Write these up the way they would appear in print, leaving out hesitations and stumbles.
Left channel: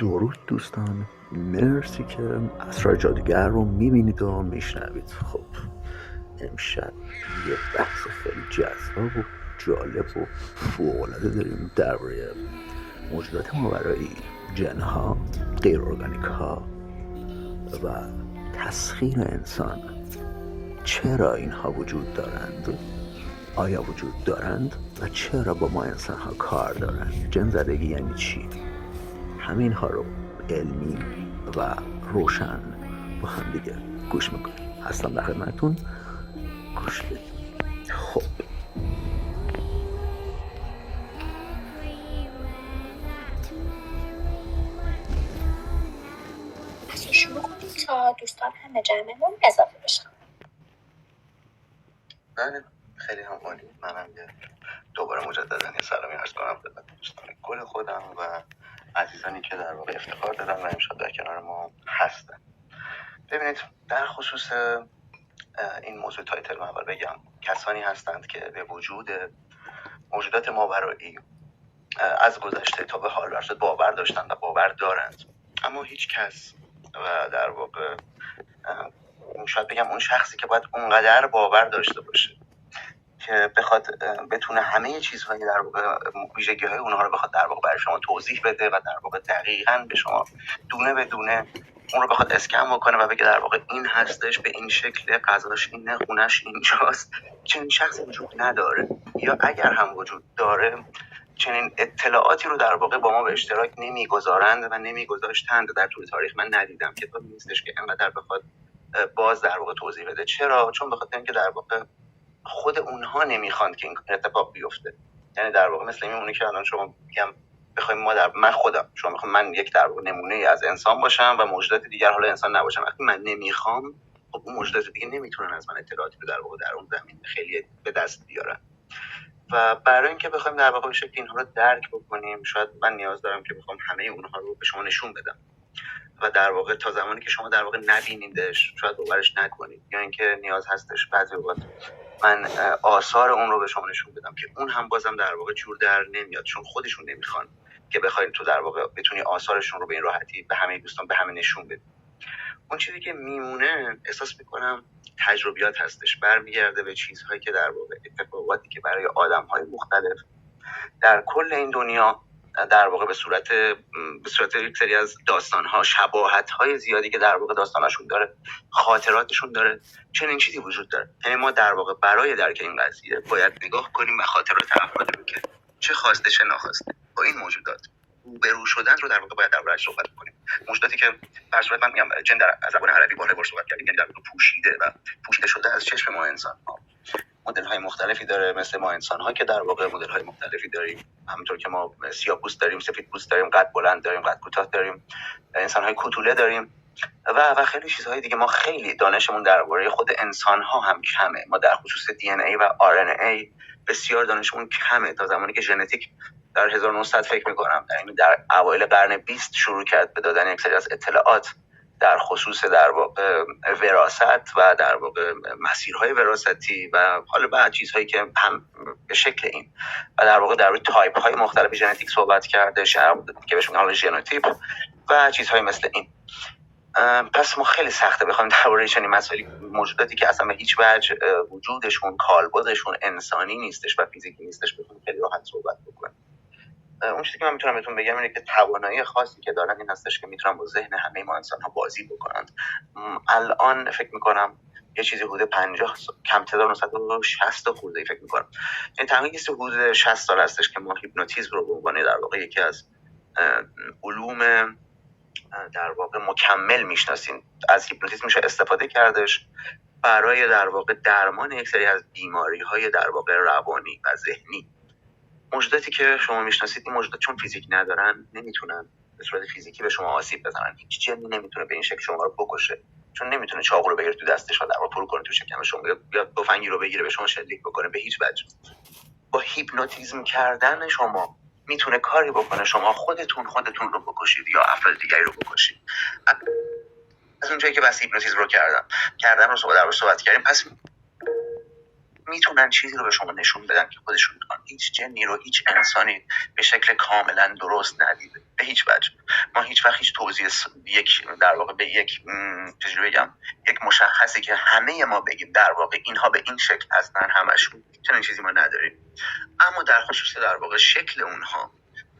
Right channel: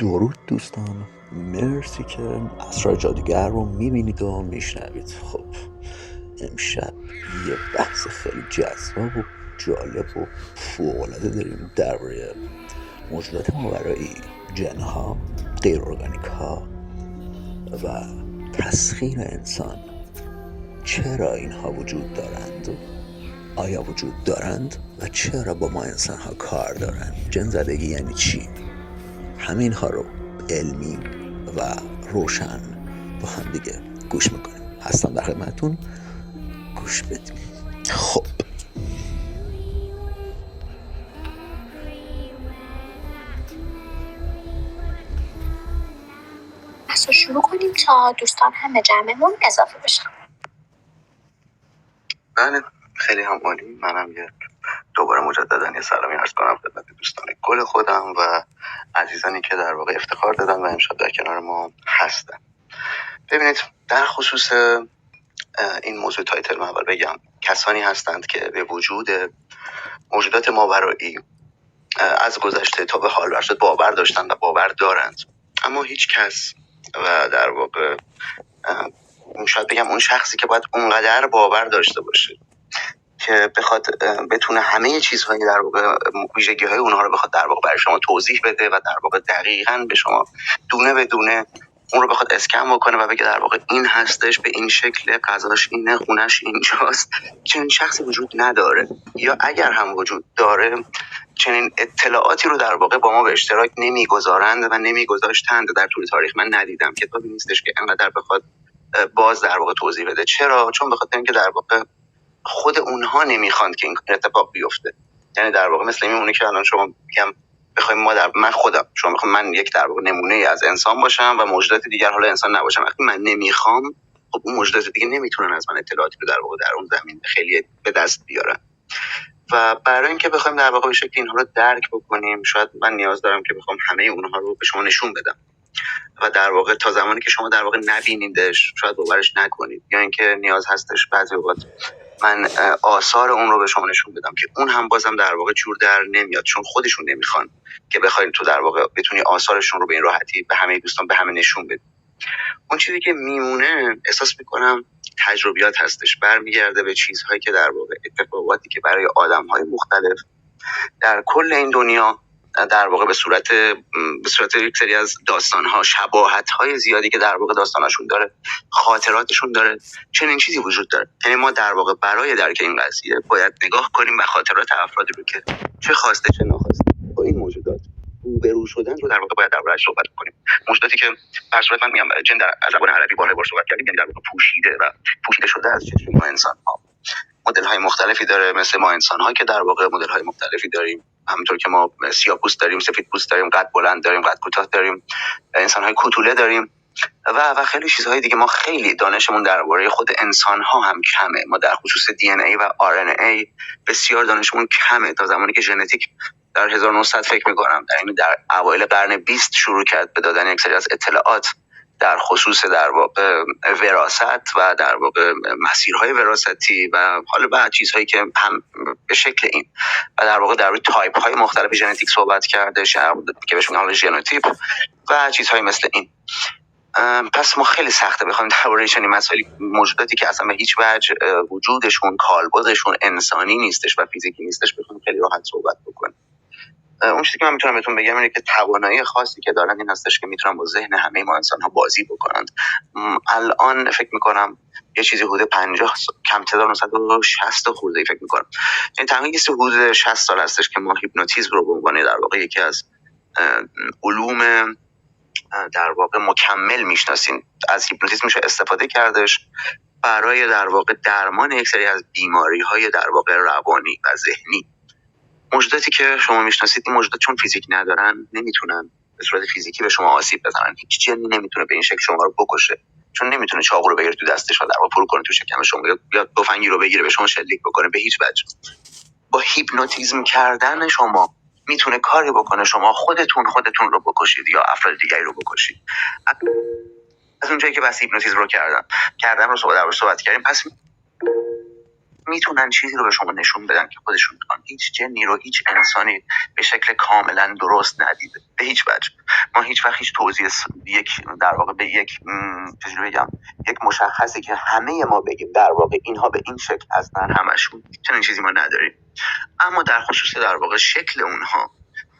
درود دوستان، مرسی که اسرار جادوگر رو میبینید و میشنوید. خب امشب یه بحث خیلی جذاب و جالب و فوق‌العاده داریم درباره موجودات ماورایی، جنها، غیر ارگانیک ها و تسخیر انسان. چرا اینها وجود دارند؟ آیا وجود دارند و چرا با ما انسان ها کار دارند؟ جن زدگی یعنی چی؟ همین ها رو علمی و روشن با هم دیگه گوش میکنیم. هستم در خدمتتون، گوش بدیم. خب پس رو شروع کنیم تا دوستان هم به جمعمون اضافه بشن. بله، خیلی هم عالی. منم دوباره مجددا یه سلامی عرض کنم خدمت دوستان گل خودم و عزیزانی که در واقع افتخار دادن و امشب در کنار ما هستن. ببینید، در خصوص این موضوع تایتل من اول بگم کسانی هستند که به وجود موجودات ماورایی از گذشته تا به حال ورشد باور داشتن و باور دارند، اما هیچ کس و در واقع شاید بگم اون شخصی که باید اونقدر باور داشته باشه که بخواد بتونه همه چیزهایی در واقع ویژگی‌های اونها رو بخواد در واقع برای شما توضیح بده و در واقع دقیقاً به شما دونه به دونه اون رو بخواد اسکن بکنه و بگه در واقع این هستش، به این شکل، غذاش اینه، خونش اینجاست، چنین شخصی وجود نداره. یا اگر هم وجود داره چنین اطلاعاتی رو در واقع با ما به اشتراک نمیگذارند و نمیگذاشتند. در طول تاریخ من ندیدم کتابی نیستش که انقدر بخواد باز در واقع توضیح بده. چرا؟ چون بخاطر اینکه در واقع خود اونها نمیخوان که این اتفاق بیفته. یعنی در واقع مثل میمونه که الان شما میگم بخوایم ما من خودم شما میخوام من یک در واقع نمونه از انسان باشم و موجودات دیگر حالا انسان نباشم. وقتی من نمیخوام، خب اون موجودات دیگه نمیتونن از من اطلاعاتی رو در واقع در اون زمین خیلی به دست بیارن. و برای اینکه بخوایم در واقع به شکل اینها رو درک بکنیم، شاید من نیاز دارم که بخوام همه اونها رو به شما نشون بدم و در واقع تا زمانی که شما در واقع نبینیدش شاید باورش نکنید، یا اینکه نیاز هستش بعضی اوقات من آثار اون رو به شما نشون بدم که اون هم بازم در واقع جور در نمیاد، چون خودشون نمیخوان که بخواید تو در واقع بتونی آثارشون رو به این راحتی به همه دوستان به همه نشون بدی. اون چیزی که میمونه احساس میکنم تجربیات هستش، برمیگرده به چیزهایی که در واقع اتفاقاتی که برای آدم‌های مختلف در کل این دنیا در واقع به صورت یک سری از داستان‌ها، شباهت‌های زیادی که در واقع داستانشون داره، خاطراتشون داره، چنین چیزی وجود داره. یعنی ما در واقع برای درک این قضیه باید نگاه کنیم به خاطرات افرادی رو که چه خواسته چه ناخواسته با این موجودات روبرو شدن رو در واقع باید درباره‌اش صحبت کنیم. موجوداتی که به صورت من میگم جن در زبان عربی بار صحبت کردیم، یعنی در واقع پوشیده شده از چشم ما انسان‌ها. مدل‌های مختلفی داره، مثل ما انسان‌ها که در واقع مدل‌های مختلفی داریم. همونطور که ما سیاه‌پوست داریم، سفیدپوست داریم، قد بلند داریم، قد کوتاه داریم، انسان‌های کوتوله داریم و خیلی چیزهای دیگه. ما خیلی دانشمون درباره خود انسان‌ها هم کمه. ما در خصوص دی ان ای و آر ان ای بسیار دانشمون کمه. تا زمانی که ژنتیک در 1900 فکر می‌کنم در اوایل قرن 20 شروع کرد به دادن یک سری از اطلاعات در خصوص در واقع وراثت و در واقع مسیرهای وراثتی و حالا بعد چیزهایی که هم به شکل این و در واقع در تایپ های مختلف ژنتیک صحبت کرده که بهش میگن ژنوتیپ و چیزهای مثل این. پس ما خیلی سخته بخوایم درباره چنین مسائلی، موجوداتی که اصلا به هیچ وجه وجودشون، کالبدشون انسانی نیستش و فیزیکی نیستش، بخوایم خیلی راحت صحبت بکنیم. اون چیزی که من میتونم بهتون بگم اینه که توانایی خاصی که دارن این هستش که میتونن با ذهن همه ما انسان ها بازی بکنند. الان فکر میکنم یه چیزی حدود 50 کم تعداد 160 خورده فکر میکنم، یعنی تقریبا حدود 60 سال هستش که ما هیپنوتیزم رو به عنوان در واقع یکی از علوم در واقع مکمل میشناسیم. از هیپنوتیزم میشه استفاده کردش برای در واقع درمان یک سری از بیماری‌های در واقع روانی و ذهنی. موجوداتی که شما میشناسید این موجودات چون فیزیک ندارن نمیتونن به صورت فیزیکی به شما آسیب بزنن. هیچ جنی نمیتونه به این شکل شما رو بکشه، چون نمیتونه چاقو رو بگیره تو دستش و در واقع پرو کنه تو شکم شما، یا تفنگی رو بگیره به شما شلیک بکنه. به هیچ وجه. با هیپنوتیزم کردن شما میتونه کاری بکنه شما خودتون رو بکشید یا افراد دیگری رو بکشید. از اونجایی که بس هیپنوتیزم رو کردن رو صحبت کردیم، پس میتونن چیزی رو به شما نشون بدن که خودشون میخوان. هیچ جنی رو هیچ انسانی به شکل کاملا درست ندیده به هیچ وجه. ما هیچ وقت هیچ توضیح یک در واقع به یک چجوری بگم یک مشخصی که همه ما بگیم در واقع اینها به این شکل هستن همشون، چنین چیزی ما نداریم. اما در خصوص در واقع شکل اونها،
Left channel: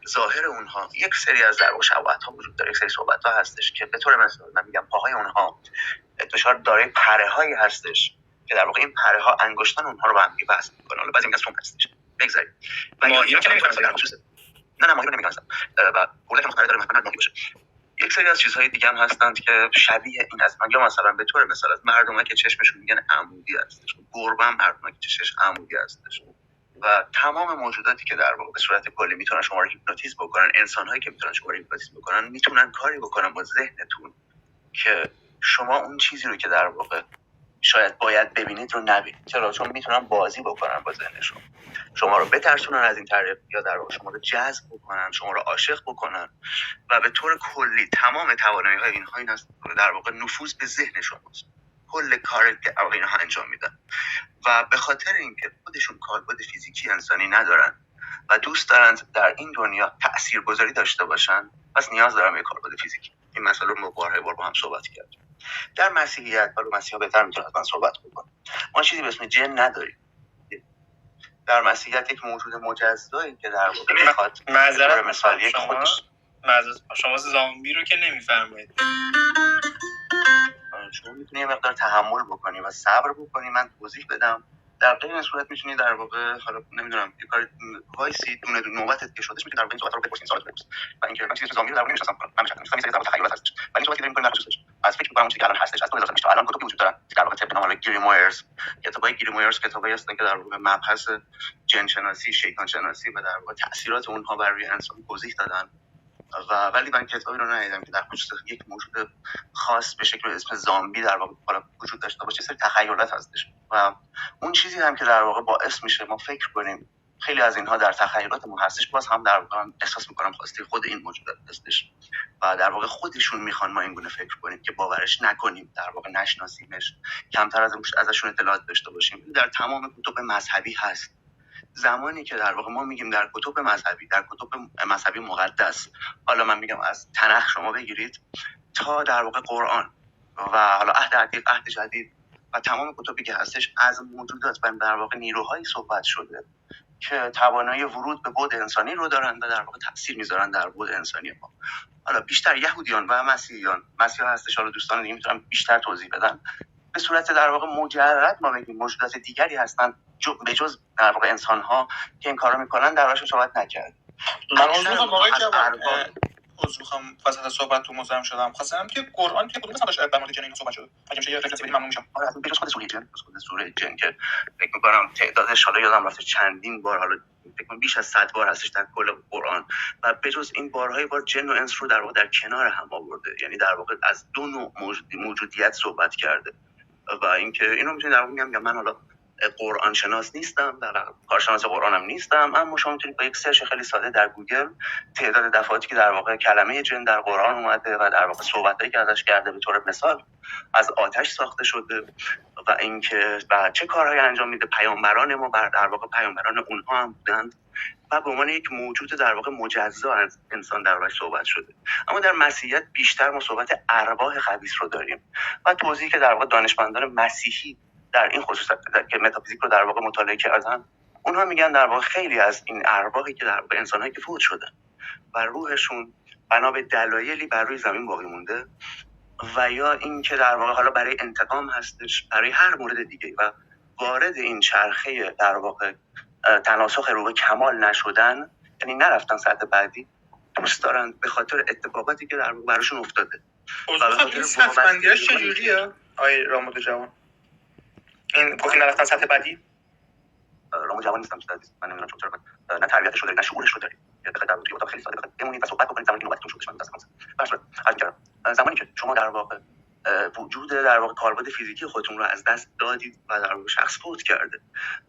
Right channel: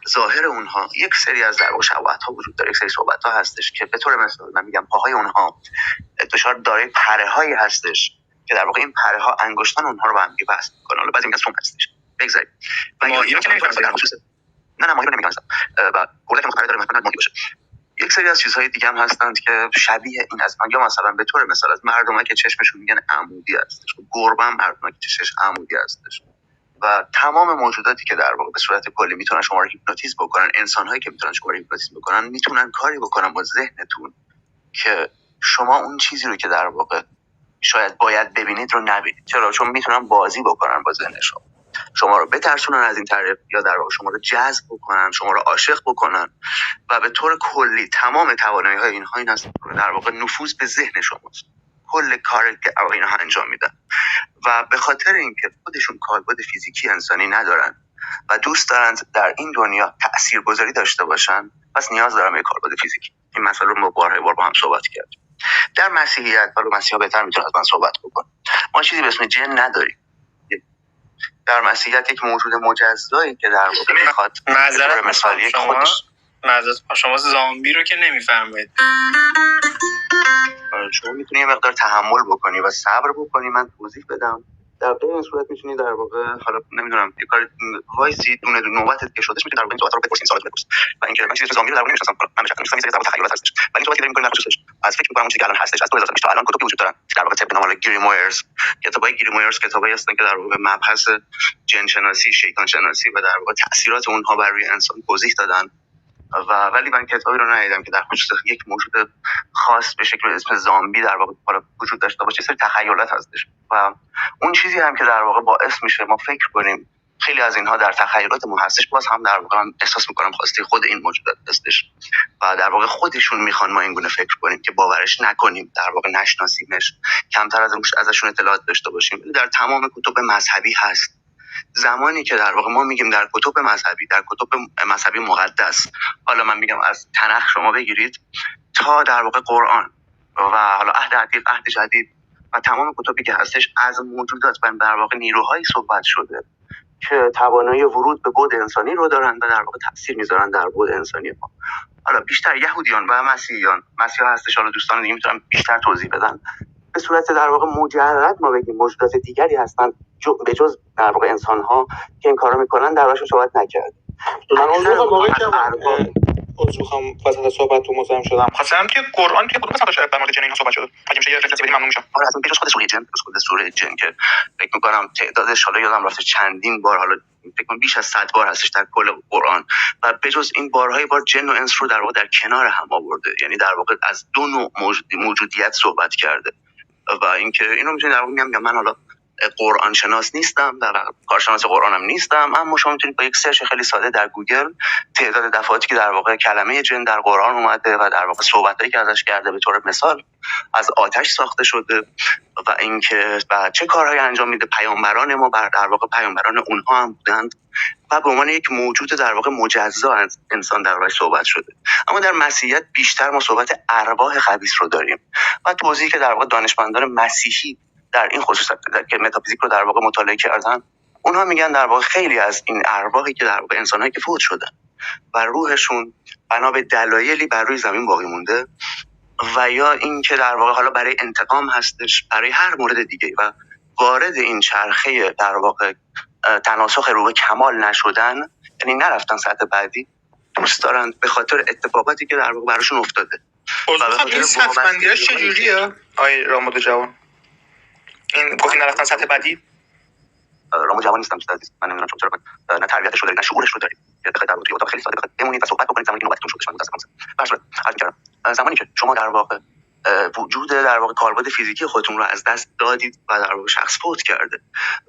ظاهر اونها، یک سری از در واقع شباهت ها وجود داره، یک سری صحبت ها هستش که به طور مثال من میگم پاهای اونها دچار دارای پره هایی هستش که در واقع این پره ها انگشتان اونها رو به هم وصل میکنه. حالا بعضی میگن سوم هستش، بگذاریم ماهی رو که نمی‌فهمم نه ماهی رو نمی‌فهمم و اردک مختلف داره مثلا ماهی باشه. یک سری از چیزهای دیگه هم هستند که شبیه این هستن، یا مثلا به طور مثال از مردمایی که چشمشون میگن عمودی هستش، گربه هم مردمایی که چشمش عمودی هستش و تمام موجوداتی که در واقع به صورت کلی میتونن شما رو هیپنوتیزم بکنن، انسان‌هایی که میتونن شما رو هیپنوتیزم بکنن، میتونن کاری بکنن با ذهنتون که شما اون چیزی رو که در واقع شاید باید ببینید رو نبینید. چرا؟ چون میتونن بازی بکنن با ذهن شما رو بترسونن از این طریق، یا در واقع شما رو جذب بکنن، شما رو عاشق بکنن و به طور کلی تمام توانایی‌های اینها این هست در واقع نفوذ به ذهن شماست. کل کار که اینها انجام میدن و به خاطر اینکه خودشون کاربرد فیزیکی انسانی ندارن و دوست دارن در این دنیا تاثیرگذاری داشته باشن، پس نیاز دارن به کاربرد فیزیکی. این مسئله رو ما بارها با هم صحبت کردیم. در مسیحیت، حالا مسیحا بهتر میتونن از من صحبت بکنن، ما چیزی به اسم جن نداریم. در مسیحیت یک موجود مجزایی که در واقع میخواد معذرت مثال یک خودش شما زامبی رو که نمیفرمایید. شما میتونی یه مقدار تحمل بکنی و صبر بکنی، من توضیح بدم. در غیر این صورت میتونی در واقع حالا نمیدونم یه کار وایسی دونه نوبتت که شدش میتونی در واقع این صحبت رو بپرسین، سوالات بپرسین. و اینکه من چیزی زامبی رو در واقع نمیشناسم، من شخصا میشناسم یه ذره تخیلات هستش. ولی صحبتی داریم می‌کنیم در خصوصش از فکر می‌کنم چیزی که الان هستش، از 2000 تا الان کتابی وجود دارن در واقع طبق نام گریمویرز. کتابای گریمویرز کتابایی هستن که در واقع مبحث جن شناسی، شیطان شناسی و در واقع تاثیرات اونها بر روی انسان توضیح دادن. ولی من کتابی رو ندیدم که در خصوص یک موجود خاص به شکل اسم زامبی در واقع وجود داشته باشه. سری تخیلات هستش و اون چیزی هم که در واقع باعث میشه ما فکر کنیم خیلی از اینها در تخیلاتمون هستش، باز هم در واقع من احساس میکنم خواسته خود این موجودات هستش و در واقع خودشون میخوان ما این گونه فکر کنیم که باورش نکنیم، در واقع نشناسیمش، کمتر ازشون اطلاعات داشته باشیم. در تمام کتب مذهبی هست. زمانی که در واقع ما میگیم در کتب مذهبی مقدس، حالا من میگم از تنخ شما بگیرید تا در واقع قرآن و حالا عهد عتیق، عهد جدید و تمام کتبی که هستش، از موجودات و در واقع نیروهایی صحبت شده که توانایی ورود به بعد انسانی رو دارن و در واقع تاثیر میذارن در بعد انسانی ما. حالا بیشتر یهودیان و مسیحا هستش، حالا دوستان دیگه میتونن بیشتر توضیح بدن. به صورت در واقع مجرد ما بگیم موجودات دیگری هستن به جز در واقع انسان ها که این کارو میکنن، در واقعش صحبت نکرد. من عضو میخوام وسط صحبتتون مزاحم شدم. خواستم که قرآن توی کدوم قسمتش در مورد جن اینا صحبت شده؟ اگه میشه یه رفرنس بدید ممنون میشم. آره اصلا بجز خود سوره جن که فکر میکنم تعدادش حالا یادم رفته چندین بار، حالا فکر کنم بیش از 100 بار هستش در کل قرآن و بجز این بارهای بار جن و انس رو در واقع در کنار هم آورده، یعنی در واقع از دو نوع موجودیت صحبت کرده. و اینکه اینو میتونید در واقع میگم من حالا قرآن شناس نیستم، در کارشناس قرآنم نیستم، اما شما میتونید با یک سرچ خیلی ساده در گوگل تعداد دفعاتی که در واقع کلمه جن در قرآن اومده و در واقع صحبتایی که ازش کرده، به طور مثال از آتش ساخته شده و اینکه چه کارهایی انجام میده، پیامبران ما در واقع پیامبران اونها هم بودند و به عنوان یک موجود در واقع مجزا از انسان در واقع صحبت شده. اما در مسیحیت بیشتر ما صحبت ارواح خبیث رو داریم و توضیحی که در واقع دانشمندان مسیحی در این خصوص که متافیزیک رو در واقع مطالعه کردن، اونها میگن در واقع خیلی از این ارواحی که در واقع انسان‌هایی که فوت شدن و روحشون بنا به دلایلی بر روی زمین باقی مونده و یا این که در واقع حالا برای انتقام هستش، برای هر مورد دیگه و وارد این چرخه در واقع تناسخ روح کمال نشدن، یعنی نرفتن سطح بعدی، دوست دارن به خاطر اتفاقاتی که در واقع براشون افتاده. این سطح‌بندی‌اش چجوریه آقای رامود جوان؟ این گفتی نرفتن سطح بعدی؟ رامود جوان نیستم عزیز، من نمیدونم چرا نه تربیتش رو دارید نه شعورش رو دارید. یا بخاطر در اتاق خیلی ساده بخاطر بمونید و صحبت بکنید زمانی که نوبتتون شدش. من متأسفم. زمانی که شما در واقع وجود در واقع کاربرد فیزیکی خودتون رو از دست دادید و در واقع شخص فوت کرده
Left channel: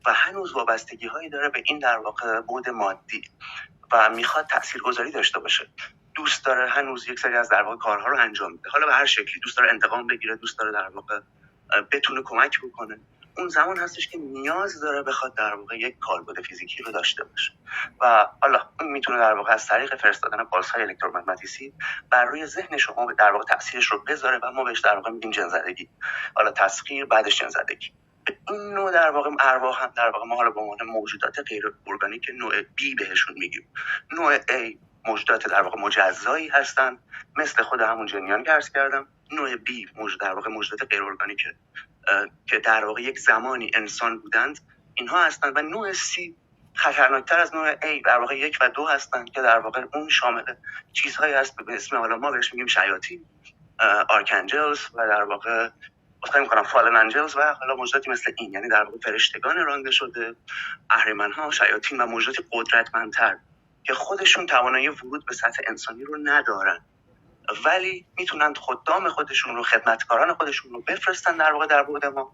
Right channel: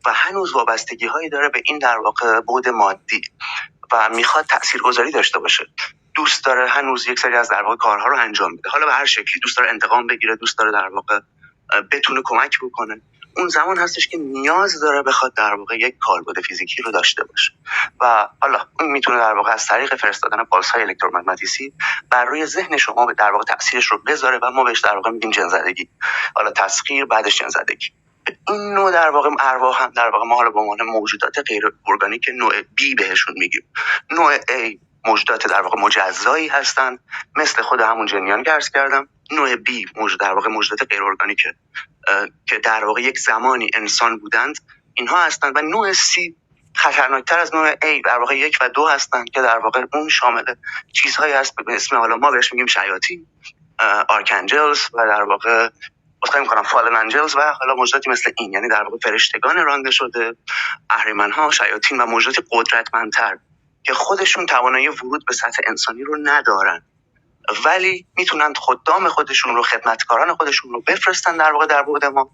و هنوز وابستگی‌هایی داره به این در واقع بعد مادی و میخواد تاثیرگذاری داشته باشه، دوست داره هنوز یک سری از در واقع کارها رو انجام بده، حالا به هر شکلی دوست داره انتقام بگیره، دوست داره در واقع بتونه کمک بکنه، اون زمان هستش که نیاز داره بخواد در واقع یک کالبد فیزیکی رو داشته باشه و حالا اون میتونه در واقع از طریق فرستادن پالس‌های الکترومغناطیسی بر روی ذهن شما در واقع تاثیرش رو بذاره و ما بهش در واقع میگیم جن‌زدگی، حالا تسخیر بعدش جن‌زدگی. این نوع در واقع ارواح هم در واقع ما حالا به عنوان موجودات غیر ارگانیک نوع B بهشون میگیم. نوع A موجودات در واقع مجزایی هستن مثل خود همون جنیان که عرض کردم. نوع B موجود در واقع موجودات غیر ارگانیکه که در واقع یک زمانی انسان بودند، اینها هستند. و نوع C خطرناکتر از نوع A در واقع 1 و 2 هستند که در واقع اون شامل چیزهایی هست به اسم حالا ما بهش میگیم شیاطین، آرکانجلز و در واقع اصلا می‌کنم فالن انجلز و حالا موجوداتی مثل این، یعنی در واقع فرشتگان رانده شده، اهریمن‌ها، شیاطین و موجودات قدرتمندتر که خودشون توانایی ورود به سطح انسانی رو ندارن ولی میتونن خدام خودشون رو، خدمتکاران خودشون رو بفرستن در واقع در بعد ما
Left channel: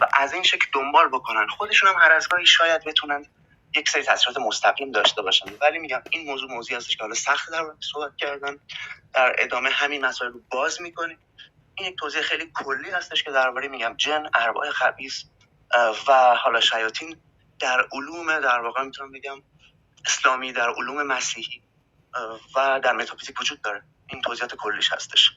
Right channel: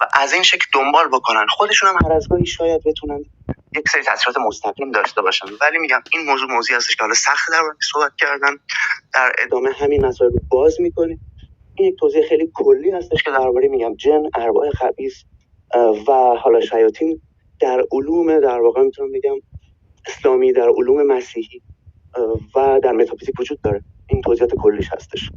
و از این شکل دنبال بکنن. خودشون هم هر از گاهی شاید بتونن یک سری تاثیرات مستقیم داشته باشن، ولی میگم این موضوعی هستش که حالا سخت در موردش صحبت کردن. در ادامه همین مسائل رو باز میکنیم. این یک توضیح خیلی کلی هستش که درباره میگم جن، ارواح خبیث و حالا شیاطین در علوم در واقع میتونم بگم اسلامی، در علوم مسیحی و در متافیزیک وجود داره. این توضیحات کلیش هستش.